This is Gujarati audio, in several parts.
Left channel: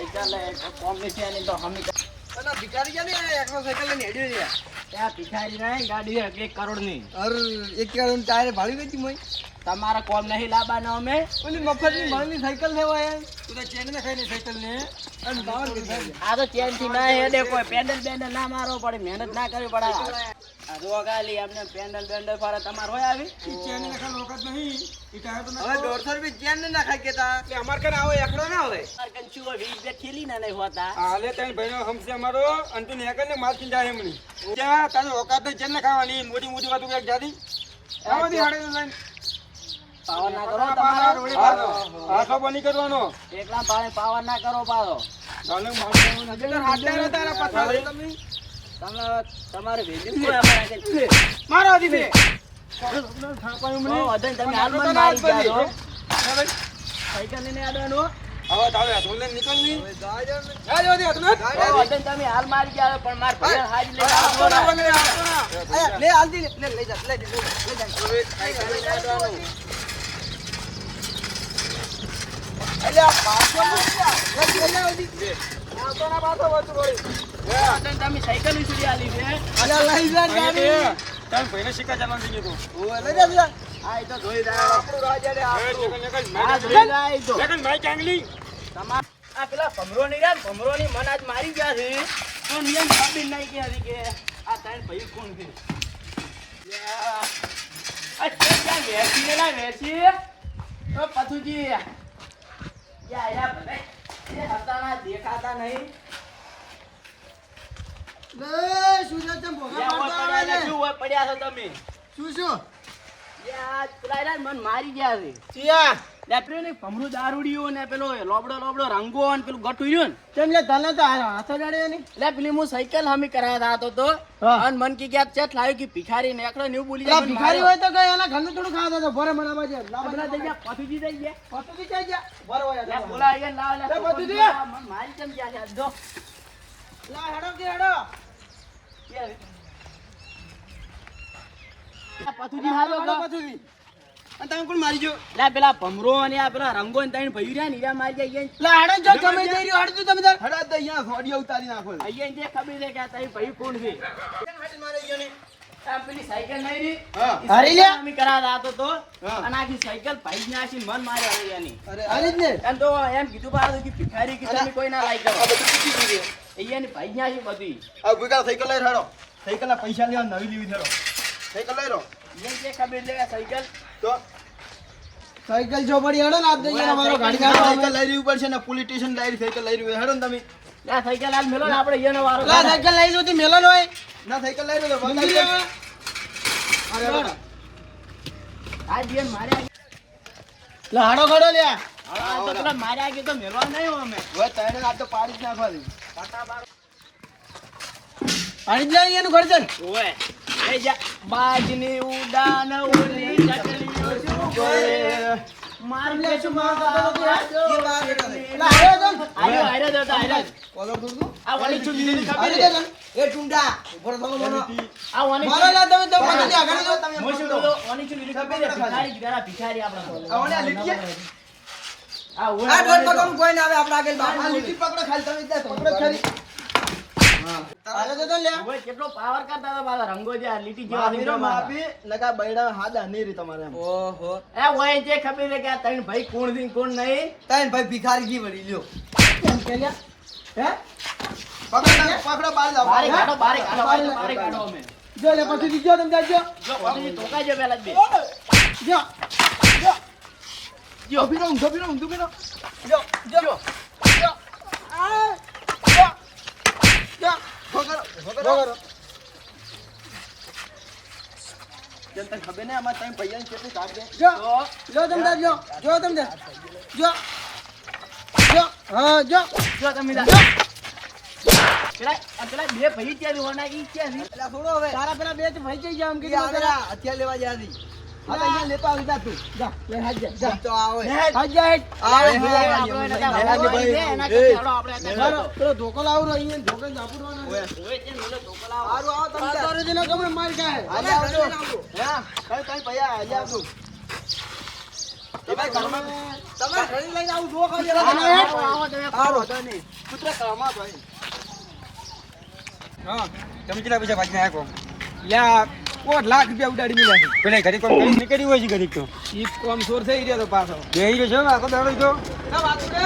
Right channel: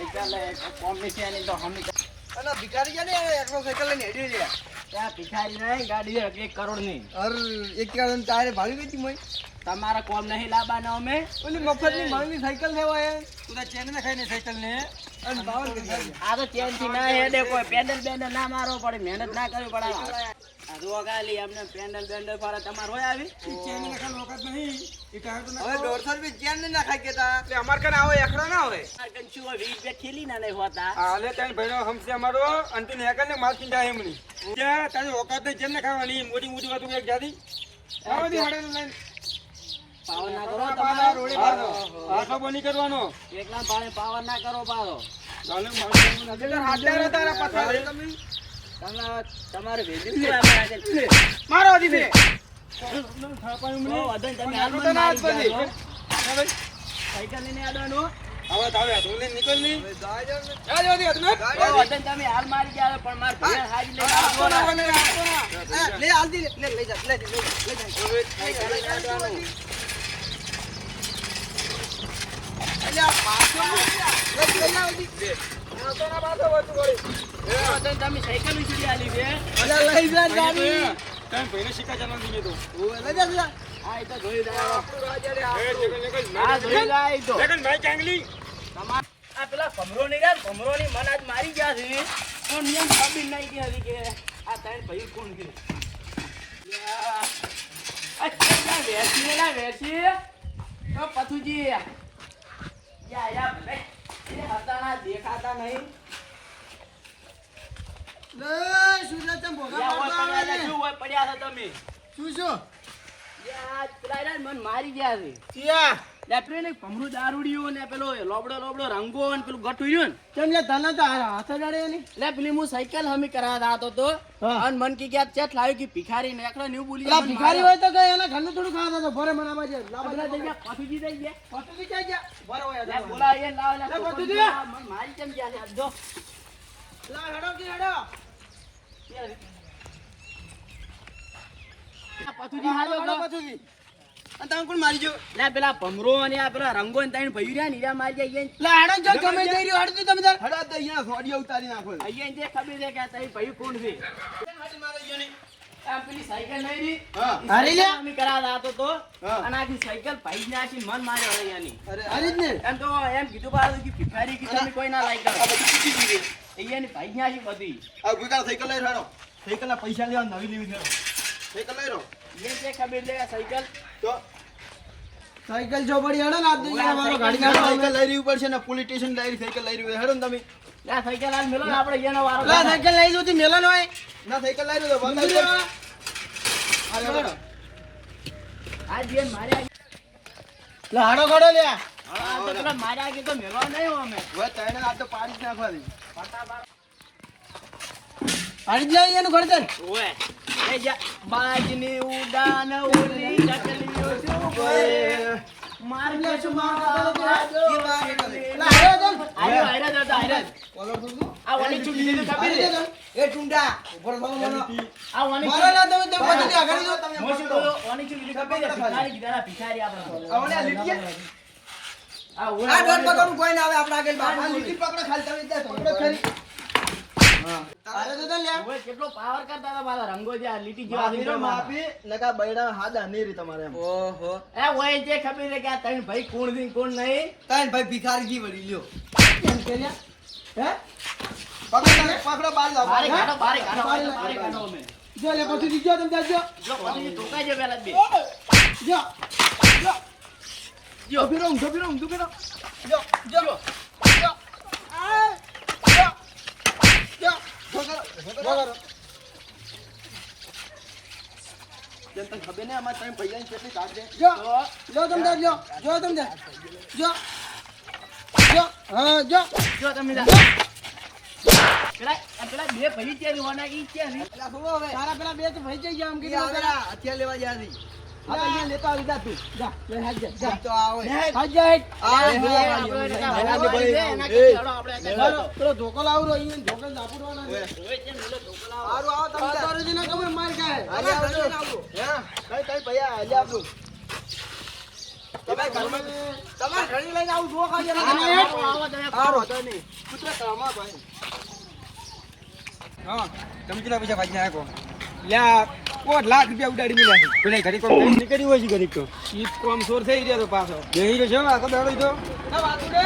સાયકલ કોમ નથી આની તો હમી અને ભિખારી ગયા ને એકલો સાયકલ લઈને હેડ્યો છે ત્યાં ભિખારી નહીં ગાડી 1 કરોડ ની અરે એક કરોડ તારે ભાડી વેચી મોય તમારા કોમ નહીં લાવવાના અમે ઓલી મફતની મળની સાયકલ લેવા આયા તું તો ચેન ને ખાઈને સાયકલ ને અને પાવર કરી આ તો ચેન થી ના હેડે કોઈ પેન્ડલ બેન્ડલ ના મારવો પડે મહેનત ના કરવી પડે આ જો ગાલી અમને પેન્ડલ બેન્ડલ ફારે તમાર હોય આવી ચેન ને ખાલી વખત નહીં ઈ ટાયર તો હવે 150 રૂપિયા ચેન ને ના ખાઈ કેતા એટલે અમાર કને આવો એકડા ના હોય માર કંચુ 20 રૂપિયા ખેલી ના નહીં હોતા હાલે તઈ ભાઈનો હમસે અમારો અંતુ ને એકને માર ચિંતા એમની ત્યાં તારી ઓકાત નહીં ચેન ને ખાવાની મોટી મોટી વાતો એક જાદી આવાદી હાડે લઈને પાવર ના કરો પાવર રોડે પાડો આખો બની કરવાનો એકલા પાણી પાવર ના કરો પાડો ગાલે મારું નજર હાડે તારા પથાર તમે તમારે વેલી કોઈ અમાર આગળ મારો આદી બે થાપાયું મને અધન તમે હાલ માં ના પડી સાયકલ લઈને આડવાનું હવે તાવે હાથોને નીકળ ની જાજો દે હાથને અધન તમે હાલ મારી ગયા પણ માર ભૈયા હાજી લઈને આવવાનો લે આલદી લે લઈ જા લઈ જા સાયકલ લઈને આડવાનું અલ્યા પાછો અલ્યા આલદી મોતોના પાછો વચ્ચે વળી અધન તમે સાયકલ ઉછળી આલી છે અલ્યા લઈ જા ગાડી તમે ભાઈને શીખા ચાલવા દીધું તું ઓય લઈ જા તું આ તો જોઈ જાય આપણો રાજા રે આ જોઈ જાય તો લેકન ભાઈ ચાંગલી તમાર આ પેલા ભમરોની યાર ભમરોની મન આજ મારી ગયા છે પણ નિયમ ખબર નહીં કે હતી કે આ ત્રણ ભાઈ કોણ છે યા આ ક્યાં વેચી ના વેચી ઓ પથુજી યા યા ભલે એ હતાણા દેખાતા નહીં લે સુરત ચમ યા ઓય ભોગા પડ્યા ને શું ઓય પડ્યા છો તમે શું યા પેલા યાર મન મારી ગયા છે ચિયા લે પેલો ને ભમરું દારૂડિયો ને પેલો લોબડો રંગો ને પેલું ગટું રહ્યું ને તેમ લે તને તો હાથ જાડે ની લે પેલી હું સાયકલ હમી કરાવતા હતો તો અન મન કી ગયા ચેટ લાવ્યો કે ભિખારી ને એકલો ને એવું બોલી લા ભિખારી હોય તો કઈ એના ઘરનું થોડું ખાતા તો ભરે મનાવા છે પેલા થઈ ગયા પથુજી થઈ ગયા પતુજી ક્યાં ગયા ભરે હોય લે બોલા એ લાવ લે લે પથુજી મન મારી કેમ ગયા છે જો લા હેડો કે હેડો આ પથુજી હાલો હેડો પતુજી અને તમે કોણ મારી જો લે પેલા ભમરો અને આ પેલા રંગો ને ત્રણ ભઈ રહ્યા નીરા મારી ગયા લા હેડો જો ગમે જઈ રહ્યો હેડો તમે તાર હેડો તો અહીંયા સોડિયો ઉતારી નાખો અહીંયા જે ખબર છે કે આ ત્રણ ભઈ કોણ છે કેમ હાથ મારે ગયો ને આમ પેલી સાયકલ નહીં રી હા હારી લે હમી કરાવતા હતો તો હા. અને આખી સાયકલ ભાઈ ને આખી મન માર્યો અહીંયાની અરે હારી જ ને એમ તો એમ કીધું પાડું કે ભિખારી કે તમે કોઈ ના લાયક કરો અહીંયાની ભાઈ ને આખી બધી આ ભૂકા સાયકલ લઈ હેડો સાયકલ ના પૈસા લેવા નવી લેવી હેડો સાયકલ લઈ રો એ જે ખબર લે સાયકલ તો સાયકલ જો પડી હેડો ને આજ દઈએ મારો ગાડી સાયકલ લઈ રહ્યું પડશે ને પોલીસ સ્ટેશન લઈ સાયકલ લઈ રહ્યું હેડો ને તમે લે સાયકલ હાલ મેલો ને આપણે એનો વારો લા સાયકલ લઈ જો તી મેલન હોય ના સાયકલ લઈ રહ્યો તો બંધ કરી અરે હેડો આ જીન માર્યા લા હાડો ખડો લે આ તો પેલા માર્યા કે તો મેલો નહીં હો અમે હવે તારે આ તો પાડી જ નાખવા દે પાટા બાર પાડી જાય એનું ખર્ચન ઓય એ જા બાજની ઉડાન ઓલી ચકલીઓ શું માર લે શું લા હેડો તો આયરો કોલર તો આ વાલી ચૂકી દીધી ખબર છે એ ટુંડા ઉપર થો મનો આ વાલી મારો ના તમે તો પકડી આગળ દો તમે મોશું તો વાલી ચૂકી દીધી ખબર છે ભિખારી કીધા ભિખારી આપણે આવને લીટી આ ઓય આ ડોટ પકડું કોઈ ના આવે આપડા આગળ બાપ આ લીટી પકડો ખાલી તમે ત્યાં પકડો ખરી હા અરે તો લે ઓય કેટલો પાવર કરતા હતા પાછા રંગો જે આ લીટી જેવા માફી થઈ માફી નકા બૈડા હાદા નહીં રી તમારે એમ ઓહો એ ઓય જે ખબર છે કે આ ત્રણ ભાઈ કોણ છે કોણ નહીં તાઈન ભાઈ ભિખારી જી વળી લ્યો કેમ કે લ્યા હે પકડો બાર જાવ બારે કાઢો અમે જો લે પછી દીજો તમે જાજો જો પછી ધોકા જે પેલા બે જો જો જો ફિરો જો જો આ જો ભગરો જનતા ખબર ને આમાં તમે ભૈયાની કેટલી કાઢ દે જો તમે જો તમે જો હા જો તમે પેલા બે ભાઈ ત્યાં હોના કી ક્યાં છે એટલે થોડો હવે તારા પેલા બે જ ભાઈ જઈ ગયા આમ કીધું પેલા હથિયાર લેવા ગયા છે આ અહીંયા લેતો આવી જા તું જા લે હાજ જા તો આવે હાજ જા પેલો ધોકો લાવરો અહીંયા ધોકે જાપડવાનો હારું આવો તમે તારે જેને ગમે માર કાય હાલે આવજો હે કઈ ભૈયા હાલે આવજો તમે ઘડી લઈને આવું જો ખાલી આવો તમે પુત્ર કામમાં ભાઈ હા તમે કેટલા પૈસા ભાગીને આયા કહો લ્યા 1 લાખ રૂપિયા ઉડાડી મિલ્યા પેલા ઘડી કોમ નીકળ્યું હોય છે ઘડી તો ઈ કોમ સોર થઈ ગયો તો પાછો બેહી રહ્યો છે આખો દાડો તો ના વાતું રે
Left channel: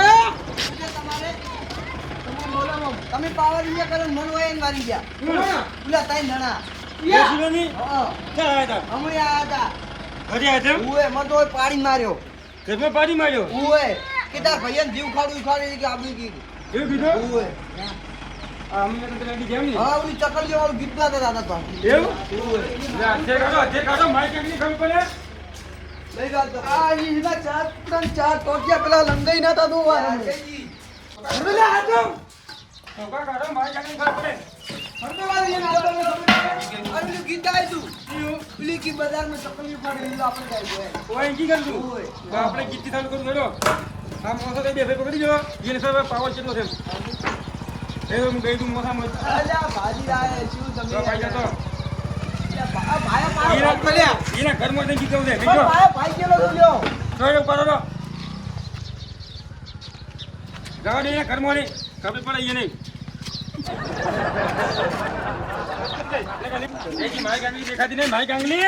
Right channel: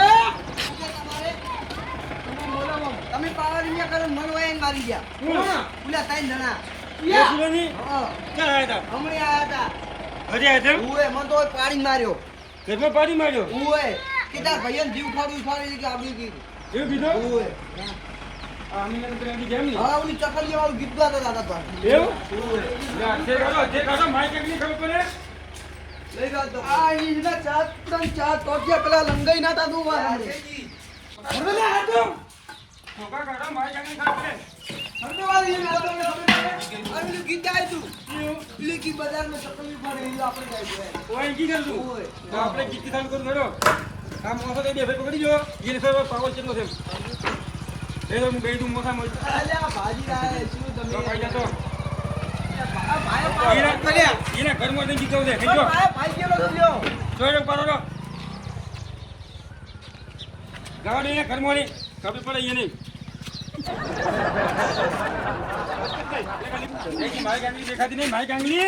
તમારે તમે બોલામાં તમે પાવર ઇન્જે કરો મન હોય એને મારી ગયા ઉલા તાઈ જણા બેસી હા ક્યાં આવ્યા હતા હમણે આયા હતા ઘરે આવ્યા હતા ઉએ મન તો પાડી માર્યો ઘરમાં પાડી માર્યો ઉએ કે તાર ભૈયાને જીવ ખાડું કે આબડી કીધું એવું કીધું ઉએ આ અમને તો પેલા કેમ નહીં હા ઓલી ચકલીઓ વાળું ગીત ગાતા હતા પણ એવું લે તે કાઢો માઈક એકલી ખબર પડે લઈ ગાલ તો આ ઈના ચાર ટોટિયા પેલા લંગાઈ ના તા દો વાર હવે લે આજો છોકરા કાઢો માઈક એકલી ખબર પડે ગીત ગાય તું પેલી કી બજાર માં ચકલી પડે આપણે ગાઈ દો ઓય કી કરું તો આપણે ગીત ચાલુ કરું કરો આ મોસો બે ભાઈ પકડી જો જેને સર પાવર કેટલો છે એ હું ગઈ તું મોસા મોજ અલ્યા ભાજી રાય શું તમે તો ભાઈ જતો ભાઈ એના ઘરમાં નહીં ગીત છે કીધો ભાઈ કેલો તો લ્યો જોજો પાડો ગાડી એના ઘરમાં નહીં ખબર પડે એ નહીં માઈક આંગલી દેખાતી નહીં માઈક આંગલી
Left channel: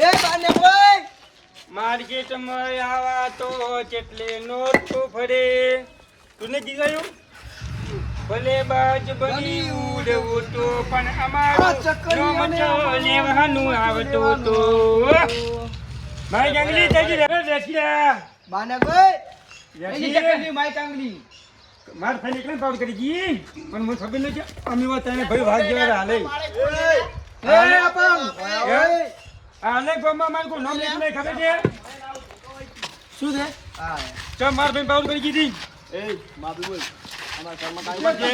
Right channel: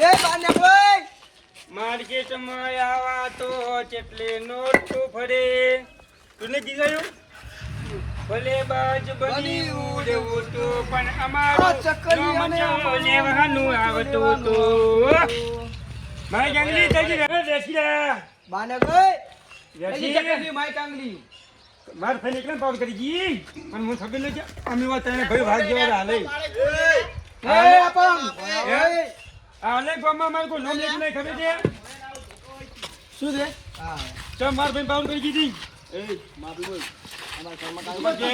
એ બાને ભાઈ માર્કેટમાં આવા તો ચેટલે નોટો ફરે તુને જીગાયું ભલે બાજ બની ઉડવું તો પણ અમારો લેવાનું આવતું તો માઈક આંગલી થઈ ગઈ રેસી બાને ભાઈ રેસી ચકલી માઈ કાંગલી માર ફેન એકલા પાવર કરી ગઈ પણ મને ખબર નથી અમે વાત તને ભાઈ ભાગ જેવા હાલે એ આપમ હાલે ગોમાં માર કો નામ લેતું નહીં ખબર છે શું છે ચમ માર ફેન પાવર કરી દીધી એ માફી બોલ અમાર ઘરમાં એ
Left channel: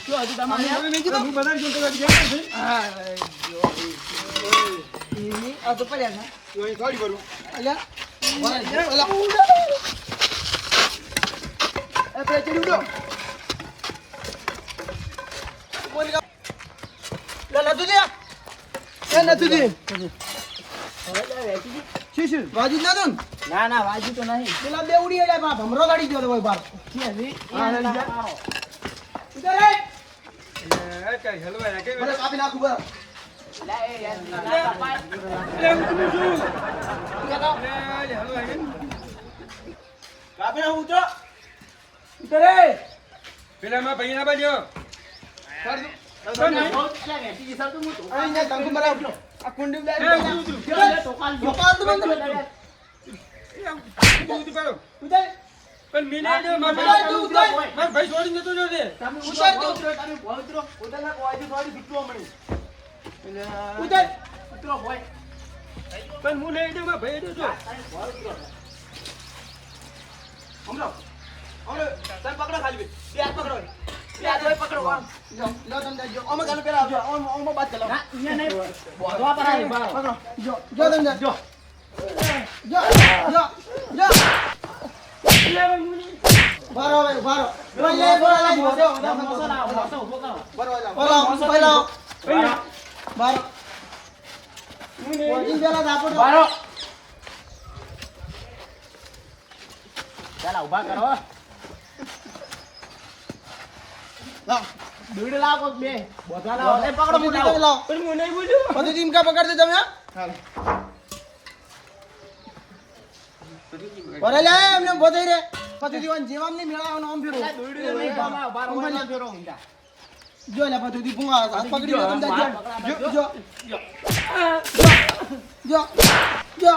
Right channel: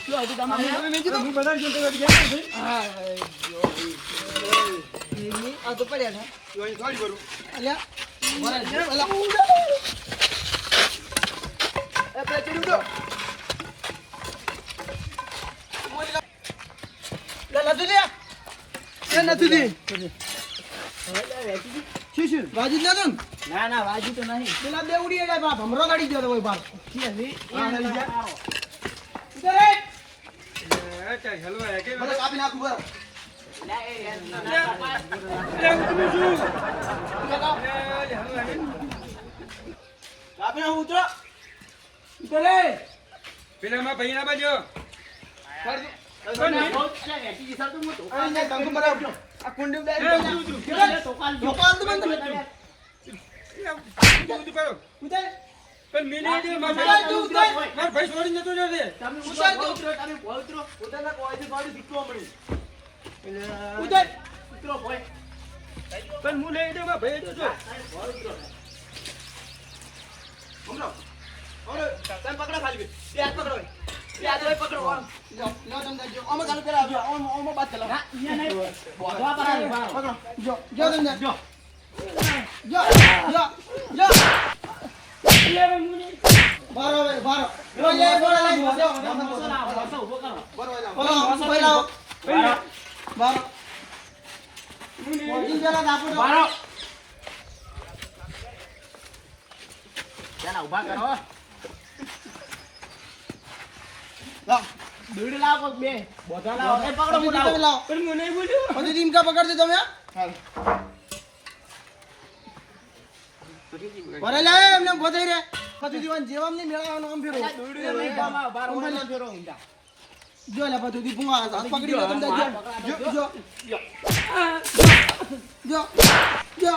શું હતું તમારે હું બધા કેમ તો ગયા છે આ તો પડ્યા છે તો અહીં થોડી ભરું અલ્યા એ પેલા ચડી ગયો નથી દે એ નથી દે શું વાજી ના દઉં ના ના વાજુ તો નહીં પેલા બે ઉડી જાય બાપ હમરો ગાડી ગયો તો ભાઈ બાર હલવા કે મને કાપી નાખું બરો કાપી નાખું ઉતરો ઉતરે પેલા માં ભાઈ ના બાજો કર દઉં આ કુંડી ટોકાલ તો બંધ પણ મેને જો માર ભાઈ છોડી નતો જો દે પણ હું લઈ દઉં માર ભાઈ જો પકડો ખાલી બે હાથ પકડો બે હાથ પકડો લો તમે જો ઓમાં ગાલો પેલા જો ઓમાં બાદ ચલાવો ના અહીંયા નહીં બોધવા પર આવી પકડો જો તમે જો જો જો બારો બારો લે બારો બારો બારો ચાલો ઊભા કરો લાવ દૂડ લાવો બે બોધવા લાવો એ પકડો હું લાવો પણ મને બોલ્યો બધું ટીમ કા પકડજો તમે હાલ ઓરે લે એમને બોધાઈ રે પછી દીવાન જેવામ નહીં મેળાવાનો આમ ફેરો દૂડ નહીં બાબા બારો ના ફેરો ઊંડા જો લે પછી દી પુંગા હાથ પકડી લો તમે જો જો જો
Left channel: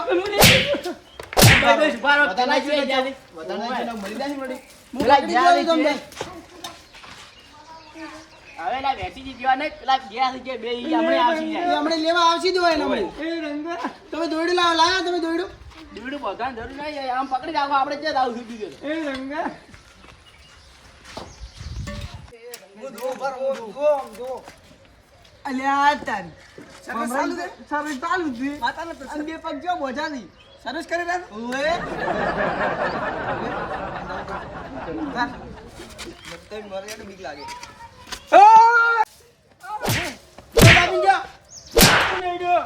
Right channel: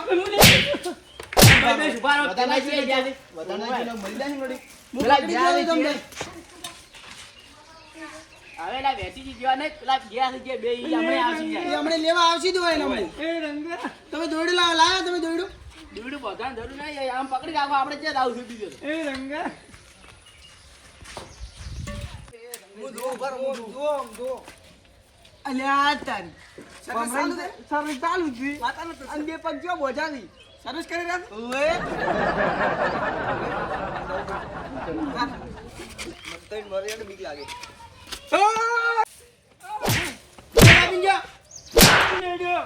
બસ બારો તને જોઈ ગયા વધારે મરી જાય મળી પેલા ગયા તમને હવે લા વેચી ગયો ને પેલા ગયા છે બે ઈ હમણે આવશે જાય હમણે લેવા આવશી જ હોય ને હમણે એ રંગા તમે દોડી લાયા તમે દોડ્યું દૂડ બોધવાની જરૂર નહીં આમ પકડી રાખો આપણે જે આવું છૂટી ગયો એ રંગા અલ્યા તારી સર્વિસ ચાલુ છે અને બે પગ જો બોજાની સર્વિસ કરી રહ્યા ઓએ મરે બીક લાગે રેડ્યો.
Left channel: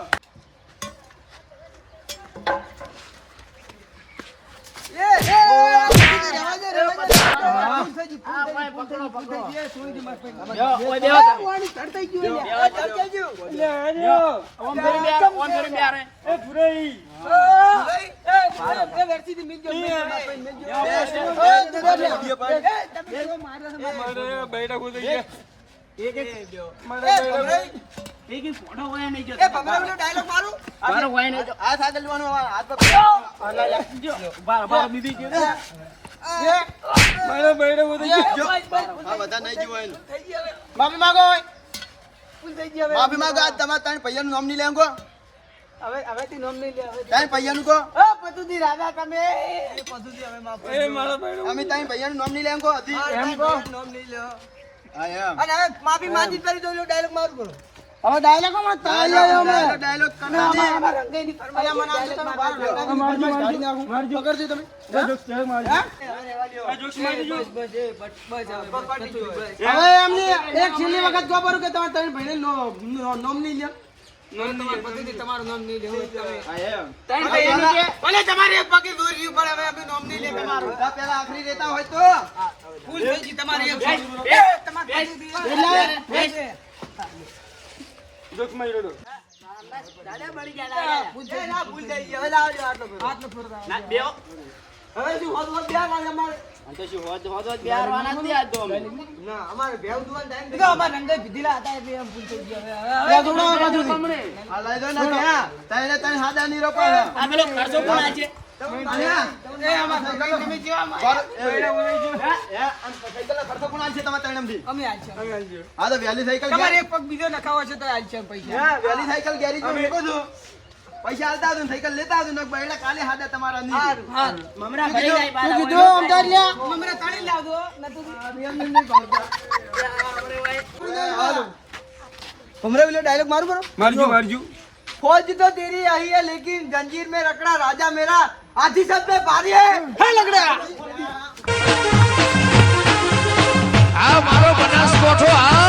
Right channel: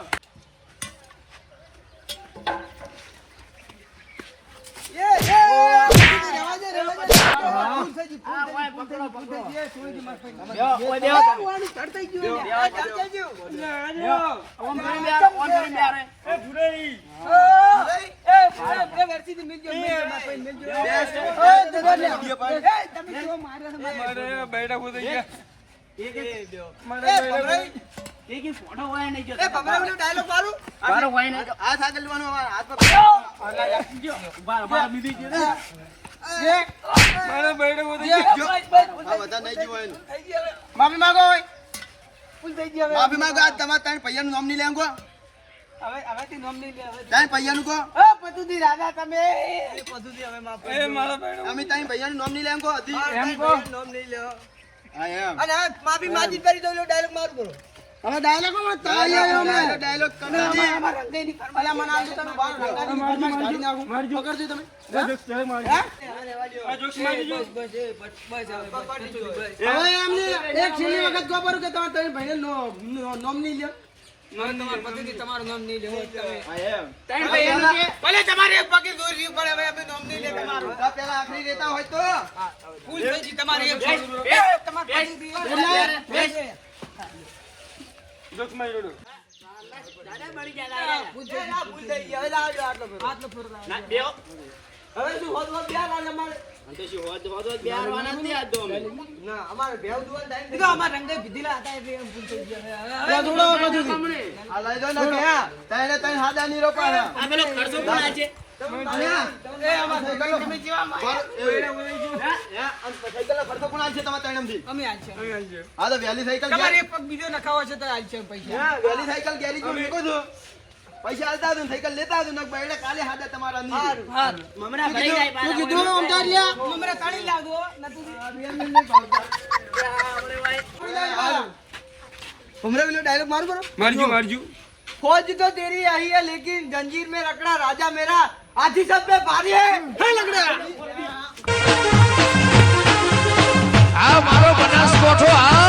ઓમ કરી બેહારે. એ ભુરાઈ. મારે બૈરા ખુદ ગયા. મારે બૈરા પેકી ફોટો હોય નહીં જતો. ડાયલોગ મારું બારો હોય નહીં તો હાથ આગળ લેવાનો હાથ અલા યાર જો બાર બીબી ગયો ને. મારે બૈરા ખુદ ગયા. આ બધા નહીં જીવાયેલું માફી માંગો હોય. માફી માંગો આજ તમારા ત્રણ પૈયાનું નામ નહીં લેંગો હવેથી નામ નહીં લે. ત્રણ પૈયાનું કહો પતુજી રાજા તમે એ મારા બૈરા. અમે ત્રણ પૈયાનું નામ નહીં લેંગો એમ કહો. હા એમ અને હવે માફી માંગી જ કરી દઉં ડાયલોગ મારું કરો હવે ડાયલોગો માં ડાયલોગ કરવાનો છે. આ જોક્સ મારી જો. હવે અમને એક છેલ્લી વખત કહો પરું કે તમારે તમે ભાઈને નામ નહીં લ્યો. તમારું પતિથી તમારું નામ નહીં લેવું હા એમ ત્રણ ભાઈઓનું કે ભલે તમારે એક પગે દોરી રહ્યું પણ હવે અમે નામ નહીં લે તમારું આ પેલા આખરી રહેતા હોય તો ભૂલ થઈ ગઈ તમારી એક જોક્સ મારી જોડો. દાદા મળી ગયા ભૂલ થઈ ગઈ હવે લાવજો આટલો ફરો ના બેઓ હવે શું હોદ હોદ ધ્યાન આવે અમારે અંતે શું હોદ બિહારવાના જ આજ તો અમે. ના અમારે ભેવ દુવાન ટાઈમ તો અમારે રંગે પીધેલા હતા એટલે એમ ભૂલ થઈ ગઈ હવે હમણે. આ લઈ દો ને કે ત્રણે ત્રણ હાડા ની રોપા આ પેલો ખર્ચો કોણ આ છે? અમે આજ છે સાયકલ તમારે એક પગ બીજો નખાવો છે તો આજ છે પૈસા ગેરેજ માં મેકો છો પૈસા આલતા હતું સાયકલ લેતા હતું ને બૈડા કાલે હાડા તમારા ની હારું હારું મમરા ભરી જાય પાછા. તું કીધું આમ તાર લ્યા. મમરા તાળી લાવજો નતું डायलॉग मारू करो મારજો મારજો. फौज तो तेरी आई है लेकिन जंजीर में रखना राजा मेरा हाथी सब पे भारी है लगड़ा આ મારો બનાસકોઠો આ